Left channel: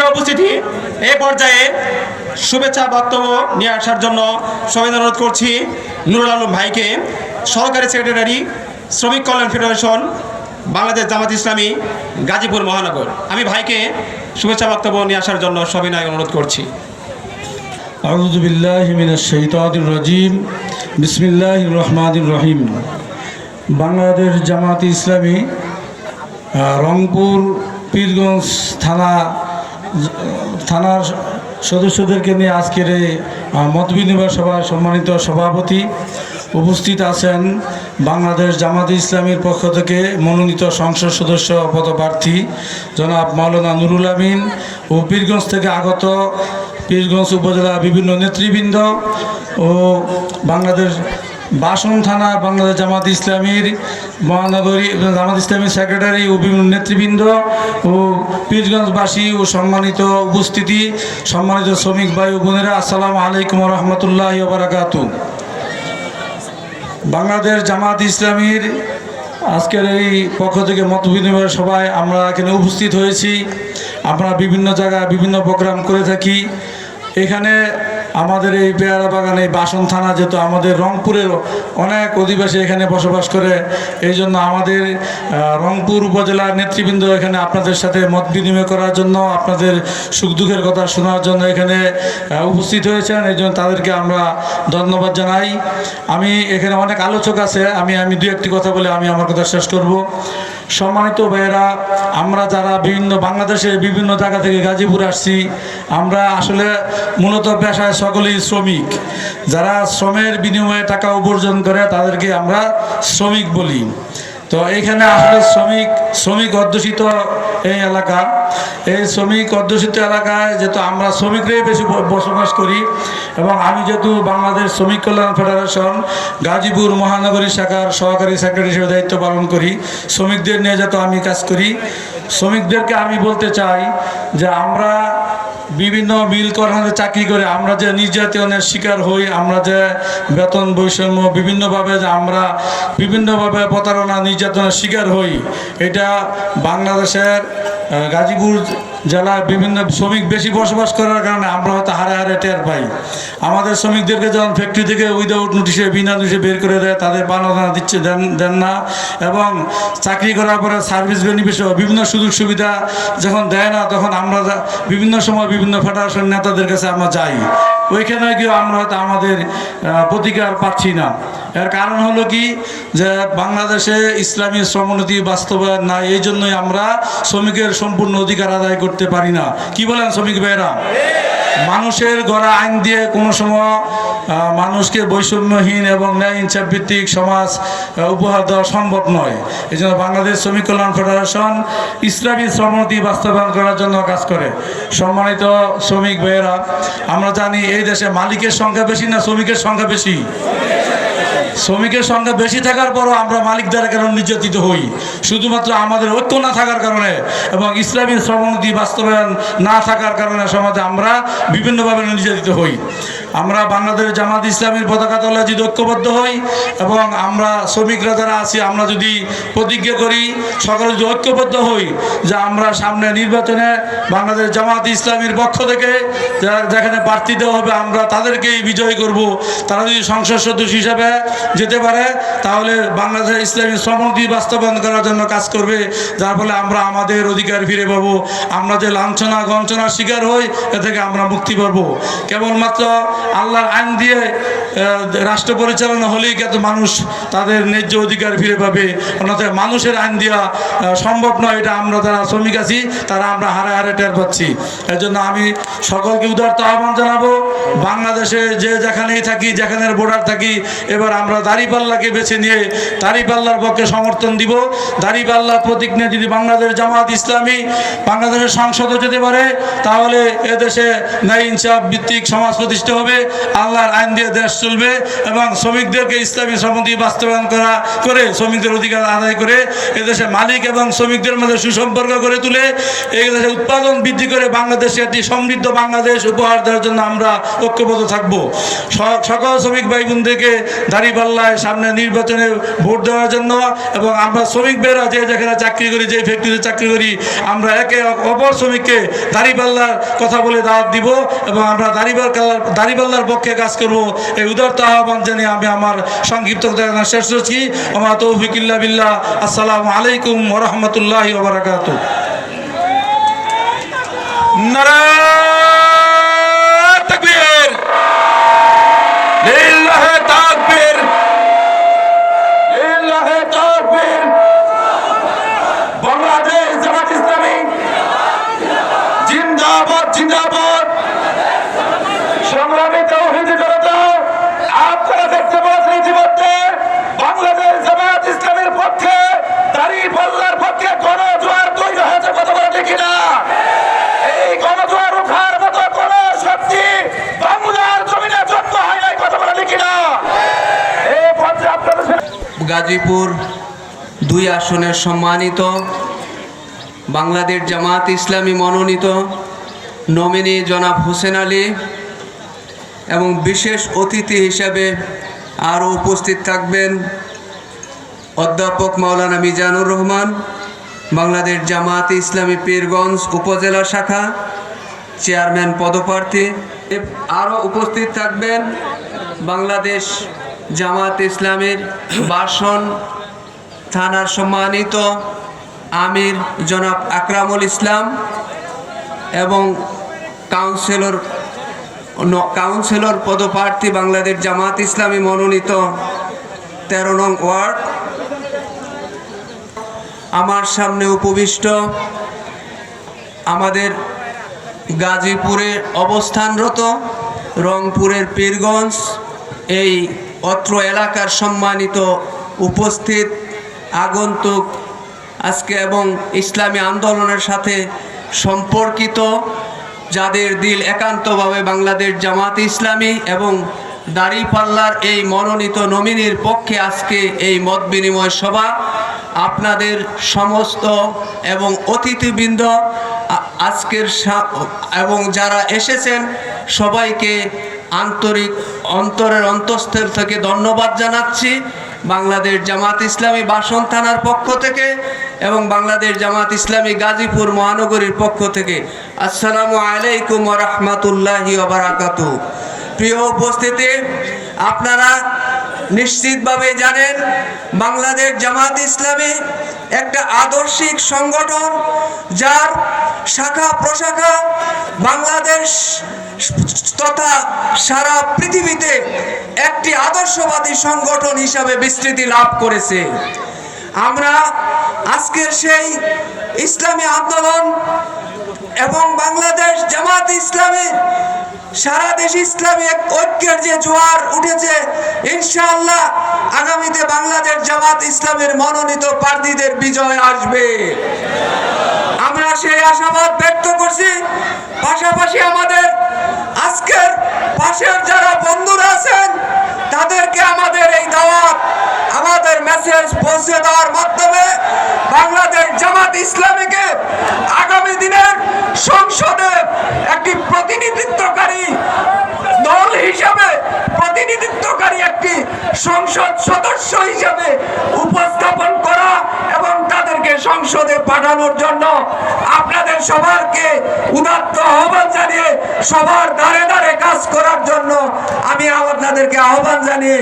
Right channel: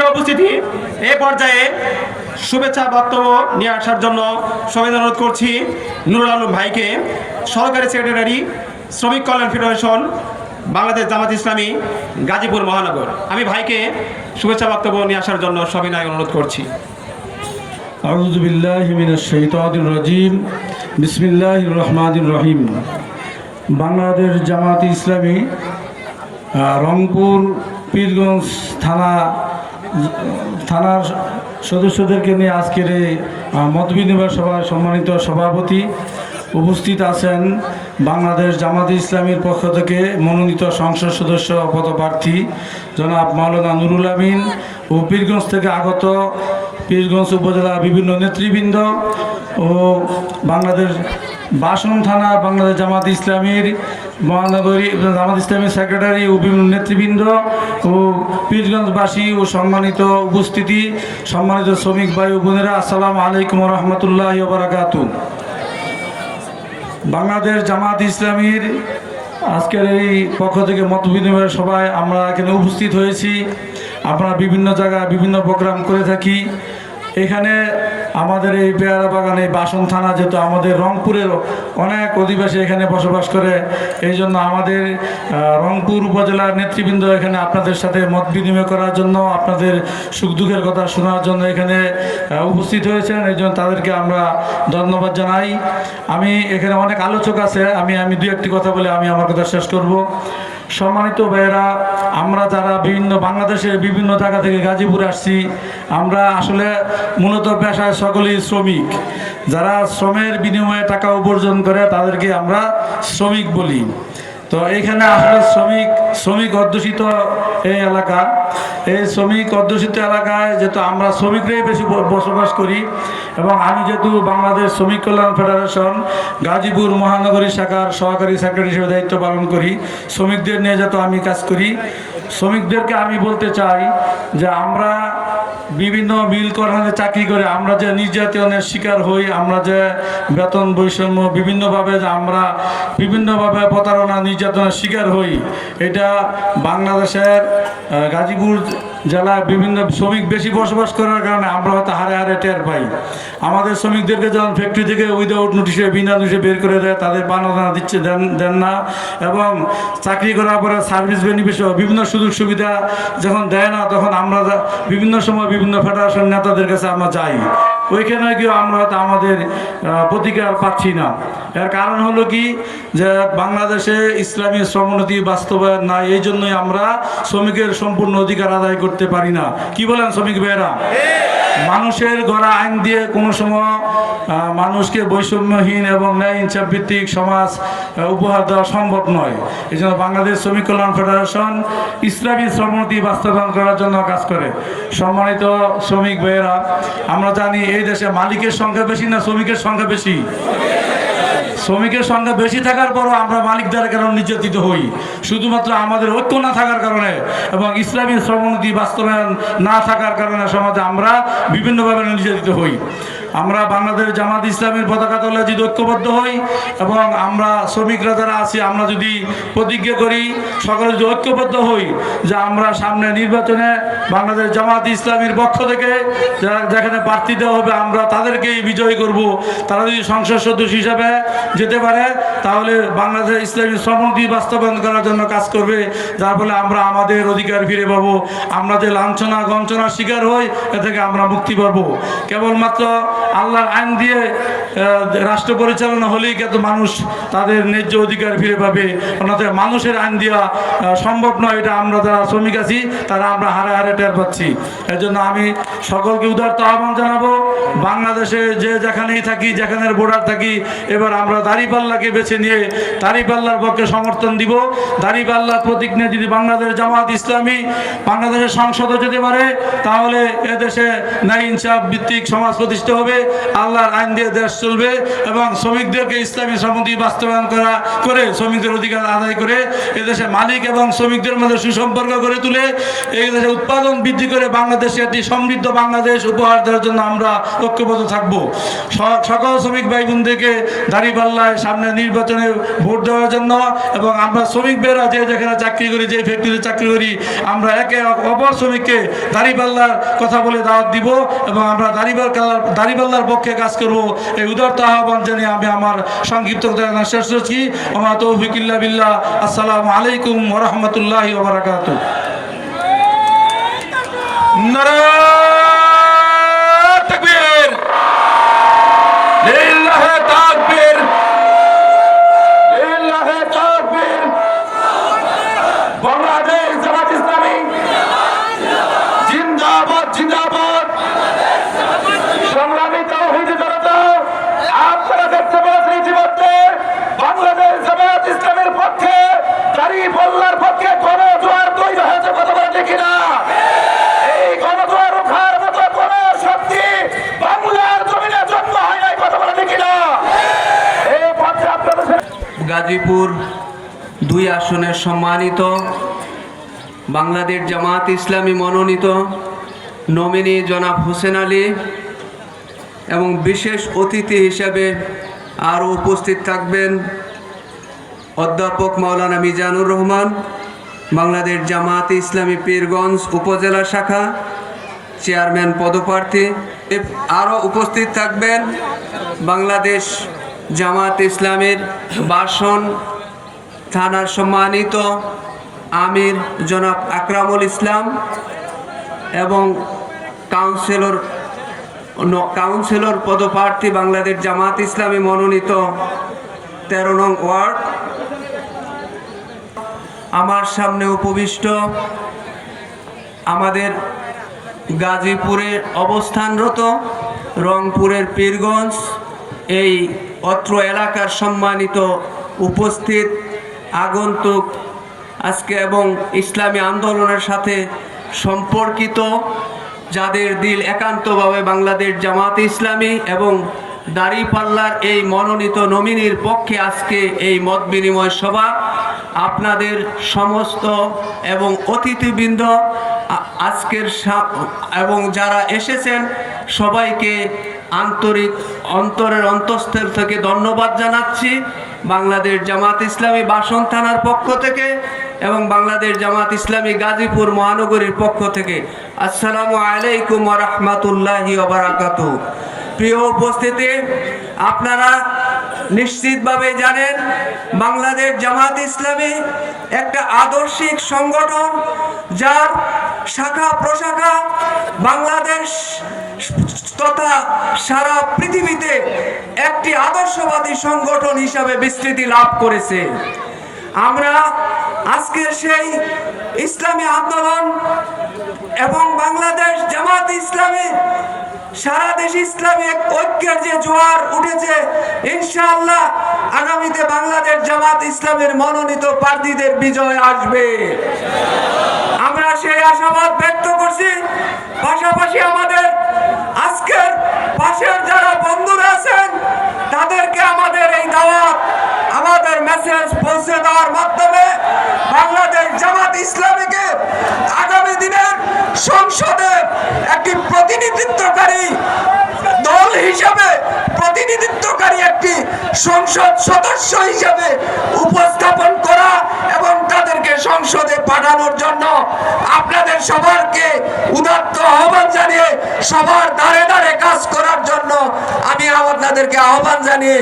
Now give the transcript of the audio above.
প্রিয় উপস্থিতি, এই পর্যায়ে শুভেচ্ছা বক্তব্য নিয়ে আসার জন্য সবাই অনুরোধ করছি নুরুল আলম ভাইকে, সহকারী সেক্রেটারি, শ্রমিক কল্যাণ ফেডারেশন, বাংলাদেশ জামাত ইসলামী, গাজীপুর মহানগর। আমি ভাইকে শুভেচ্ছা বক্তব্য নিয়ে আসার জন্য সবিনয় অনুরোধ করছি। আউযু বিল্লাহি মিনাশ শাইতানির রাজিম। বিসমিল্লাহির রহমানির রহিম। বাংলাদেশ জামাত ইসলামী রংপুর পীরগঞ্জ থানার সদস্যদেরকে নিয়ে আজকের এই মতবিনিময় সভায় সম্মানিত সভাপতি উপস্থিত আছেন বাংলাদেশ জামাত ইসলামীর পক্ষ থেকে মনোনীত সংসদ সদস্য পদপ্রার্থী জনাব মাওলানা নুরুল আমিন ও পীরগঞ্জ থেকে আগত পীরগঞ্জ উপজেলা বিভিন্ন নেতৃবৃন্দ ও বাংলাদেশ বাসন থানা বাংলাদেশ জামাত ইসলামীর মহানগরী জামাত ইসলামীর সেক্রেটারি ও বিভিন্ন নেতৃবৃন্দ ও পীরগঞ্জবাসী ও সম্মানিত উপস্থিতি, সম্মানিত শ্রমিক ভাই ও বোনেরা, আসসালামু আলাইকুম রহমতুল্লাহি ওয়া বারাকাতুহু। বাংলাদেশ জামাত ইসলামীর আজকের এই পক্ষ থেকে মত বিনিময় সভায় আমরা এখানে উপস্থিত হয়েছি। আমরা বিভিন্ন জায়গায় বিভিন্ন প্রোগ্রাম করে থাকি। এখানে আমাদের এই পেয়ারা বাগানে বাসন থানা, যেহেতু আমাদের রংপুরের অনেক অধিবাসী এখানে বসবাস করে, এই জন্য আমাদের রংপুর উপজেলার নেতৃবৃন্দ এখানে আপনাদের সাথে মত বিনিময় করার জন্য, আপনাদের সুখ দুঃখের কথা শোনার জন্য এখানে উপস্থিত হয়েছেন। এই জন্য তাদেরকে আমরা ধন্যবাদ জানাই। আমি এখানে অনেক আলোচক আছে, আমি দু একটি কথা বলে আমি আমার কথা শেষ করব। সম্মানিত ভাইয়েরা, আমরা যারা বাংলাদেশের বিভিন্ন জায়গা থেকে গাজীপুর আসছি, আমরা আসলে মূলত পেশায় সকলেই শ্রমিক। যারা শ্রমের বিনিময়ে টাকা উপার্জন করে তাদেরকে আমরা শ্রমিক বলি। তো এইখানে আসলে শ্রমিক অধ্যুষিত এই এলাকা, এই শ্রমিক অধ্যুষিত এলাকায় যেহেতু আমরা শ্রমিকরাই বেশি বসবাস করি, এবং আমি যেহেতু বাংলাদেশ শ্রমিক কল্যাণ ফেডারেশন গাজীপুর মহানগরী শাখার সহকারী সেক্রেটারি হিসেবে দায়িত্ব পালন করি, শ্রমিকদের নিয়ে যেহেতু আমি কাজ করি, শ্রমিকদেরকে আমি বলতে চাই যে আমরা বিভিন্ন মিল কারখানাতে চাকরি করে আমরা যে নির্যাতনের শিকার হই, আমরা যে বেতন বৈষম্য বিভিন্নভাবে প্রতারণা নির্যাতনের শিকার হই, এটা বাংলাদেশের গাজীপুর জেলায় বিভিন্ন শ্রমিক বেশি বসবাস করার কারণে আমরা হয়তো হারে হারে টের পাই। আমাদের শ্রমিকদেরকে যখন ফ্যাক্টরি থেকে উইদাউট নোটিশে বিনা নোটিশে বের করে দেয়, তাদের পাওনা দেন না, এবং চাকরি করার পরে সার্ভিস বেনিফিট বিভিন্ন সুযোগ সুবিধা যখন দেয় না, তখন আমরা বিভিন্ন সময় বিভিন্ন ফেডারেশন নেতাদের কাছে আমরা যাই। ওইখানে গিয়ে আমরা হয়তো আমাদের প্রতিকার পাচ্ছি না। এর কারণ হলো কি, যে বাংলাদেশে ইসলামী শ্রমনীতি বাস্তবায়ন নাই, এই জন্যই আমরা শ্রমিকের সম্পূর্ণ অধিকার আদায় করতে পারি না। কি বলেন শ্রমিক ভাইয়েরা? মানুষের গড়া আইন দিয়ে কোনো সময় মানুষকে বৈষম্যহীন এবং ন্যায় ইনসাফ ভিত্তিক সমাজ উপহার দেওয়া সম্ভব নয়। এই জন্য বাংলাদেশ শ্রমিক কল্যাণ ফেডারেশন ইসলামী শ্রমনীতি বাস্তবায়ন করার জন্য কাজ করে। সম্মানিত শ্রমিক ভাইয়েরা, আমরা জানি এই দেশে মালিকের সংখ্যা বেশি না শ্রমিকের সংখ্যা বেশি? শ্রমিকের সংখ্যা বেশি থাকার পরও আমরা মালিক দ্বারা কেন নির্যাতিত হই? শুধুমাত্র আমাদের ঐক্য না থাকার কারণে এবং ইসলামী শ্রমনীতি বাস্তবায়ন না থাকার কারণে সমাজে আমরা বিভিন্নভাবে নির্যাতিত হই। আমরা বাংলাদেশ জামাত ইসলামের পতাকা তলে যদি ঐক্যবদ্ধ হই এবং আমরা শ্রমিকরা যারা আছি, আমরা যদি প্রতিজ্ঞা করি, সকলে যদি ঐক্যবদ্ধ হই যে আমরা সামনে নির্বাচনে বাংলাদেশ জামাত ইসলামীর পক্ষ থেকে যেখানে প্রার্থী দেওয়া হবে আমরা তাদেরকেই বিজয়ী করব। তারা যদি সংসদ সদস্য হিসাবে যেতে পারে, তাহলে বাংলাদেশ ইসলামী শ্রমনীতি বাস্তবায়ন করার জন্য কাজ করবে, যার ফলে আমরা আমাদের অধিকার ফিরে পাবো। আমরা যে লাঞ্ছনা গঞ্চনার শিকার হই, এ থেকে আমরা মুক্তি পাবো। কেবলমাত্র আল্লাহর আইন দিয়ে রাষ্ট্র পরিচালনা হলেই কিন্তু মানুষ তাদের ন্যায্য অধিকার ফিরে পাবে, অন্যথায় মানুষের আইন দেওয়া সম্ভব নয়। এটা আমরা যারা শ্রমিক আছি তারা আমরা হারে হারে টের পাচ্ছি। এর জন্য আমি সকলকে উদারত আহ্বান জানাবো, বাংলাদেশে যে যেখানেই থাকি, যেখানে বর্ডার থাকি, এবার আমরা দাঁড়িপাল্লাকে বেছে নিয়ে দাঁড়িপাল্লার পক্ষে সমর্থন দিব। দাঁড়িপাল্লার প্রতীক নিয়ে যদি বাংলাদেশ জামাত ইসলামী বাংলাদেশের সংসদে যেতে পারে, তাহলে এদেশে ন্যায় ইনসাফ ভিত্তিক সমাজ প্রতিষ্ঠা হবে, আল্লাহর আইন দিয়ে দেশ চলবে এবং শ্রমিকদেরকে ইসলামী সম্মতি বাস্তবায়ন করে শ্রমিকদের অধিকার আদায় করে এদেশে মালিক এবং শ্রমিকদের মধ্যে সুসম্পর্ক করে তুলে এই দেশে উৎপাদন বৃদ্ধি করে বাংলাদেশে একটি সমৃদ্ধ বাংলাদেশ উপহার দেওয়ার জন্য আমরা ঐক্যবদ্ধ থাকব। সকল শ্রমিক ভাই বোনদেরকে দাঁড়িপাল্লায় সামনে নির্বাচনে ভোট দেওয়ার জন্য এবং আমরা শ্রমিক বেরা যে যেখানে চাকরি করি, যে ফ্যাক্টরিতে চাকরি করি, আমরা একে অপর শ্রমিককে দাঁড়িপাল্লার কথা বলে দাওয়াত দিব এবং আমরা দাঁড়িপাল্লার পক্ষে কাজ করব। এই উদারত আহ্বান জানিয়ে আমি আমার সংক্ষিপ্ত কথা শেষ করছি। আমার তৌফিক ইল্লা বিল্লাহ। আসসালামু আলাইকুম ওয়া রাহমাতুল্লাহি ওয়া বারাকাতুহু। নারায়ে তাকবীর, লিল্লাহি তাকবীর, লিল্লাহি তাকবীর। বাংলাদেশ জামাত ইসলামী জিন্দাবাদ, জিন্দাবাদ। সংগ্রামী তাওহীদি জনতা, আপনারা দেখতে পাচ্ছেন ইতিমধ্যে বাংলাদেশ জামাত ইসলামের পক্ষে, দাঁড়িপাল্লার পক্ষে গণজোয়ার তৈরি হয়েছে। কথা বলে দেখি না, এই গণজোয়ার উঠার মতো কোন শক্তি বাংলার জমিনে জন্ম হয় নাই। কথা বলে দেখি না, এই পথে আপনাদের গাজীপুর 2 আসনের সম্মানিত বাংলাদেশ জামাত ইসলামী মনোনীত নমিনি জনাব হোসেন আলী এবং বিশেষ অতিথি হিসেবে আরও উপস্থিত থাকবেন অধ্যাপক মাওলানা মিজানুর রহমান, বাংলাদেশ জামাত ইসলামী পীরগঞ্জ উপজেলা শাখা চেয়ারম্যান পদপ্রার্থী। আরও উপস্থিত থাকবেন বাংলাদেশ জামাত ইসলামের বাসন থানার সম্মানিত আমির জনাব আকরামুল ইসলাম এবং কাউন্সিলর পদপ্রার্থী বাংলাদেশ জামাত ইসলামী মনোনীত 13 নং ওয়ার্ড। আমার সামনে উপবিষ্ট আমাদের গাজীপুরে অবস্থানরত রংপুরের পীরগঞ্জ এই অত্র এলাকার সম্মানিত উপস্থিত আগন্তুক আজকে এবং ইসলামী আন্দোলনের সাথে সম্পর্কিত যাদের দিল একান্তভাবে বাংলাদেশ জামাত ইসলামী এবং দাঁড়িপাল্লার এই মনোনীত নমিনির পক্ষে আজকে এই মত বিনিময় সভা, আপনাদের সমস্ত এবং অতিথিবৃন্দ আজকের এবং যারা এসেছেন সবাইকে আন্তরিক অন্তরের অন্তঃস্থল থেকে ধন্যবাদ জানাচ্ছি বাংলাদেশ জামাত ইসলামী বাসন থানার পক্ষ থেকে এবং বাংলাদেশ জামাত ইসলামী গাজীপুর মহানগরীর পক্ষ থেকে। আসসালামু আলাইকুম ওয়া রাহমাতুল্লাহি ওয়া বারাকাতুহু। প্রিয় উপস্থিতি, আপনারা নিশ্চিতভাবে জানেন বাংলাদেশ জামাত ইসলামী একটা আদর্শিক সংগঠন, যার শাখা প্রশাখা বাংলাদেশ তথা সারা পৃথিবীতে একটি আদর্শবাদী সংগঠন হিসাবে বিস্তৃতি লাভ করেছে। আমরা আজকের সেই ইসলামী আন্দোলন এবং বাংলাদেশ জামাত ইসলামী সারা দেশ ইসলামী ঐক্যের যে জোয়ার উঠেছে, ইনশাআল্লাহ আগামীতে বাংলাদেশ জামাত ইসলামের মনোনীত প্রার্থীদের বিজয় আসবে, আমরা সেই আশাবাদ ব্যক্ত করছি। পাশাপাশি আমাদের আজকের পাশের যারা বন্ধুরা আছেন তাদেরকে আমাদের এই দাওয়াত, আমাদের মেসেজ পৌঁছে দেওয়ার মাধ্যমে বাংলাদেশ জামাত ইসলামীকে আগামী দিনের সংসদে একটি প্রতিনিধিত্বকারী দল হিসাবে, প্রতিনিধিত্বকারী একটি সংসদ সদস্য হিসাবে উপস্থাপন করা এবং তাদেরকে সংসদে পাঠানোর জন্য আপনাদের সবাইকে উদাত্ত আহ্বান জানিয়ে সবার দ্বারে দ্বারে কাজ করার জন্য আমি আপনাদেরকে আহ্বান জানিয়ে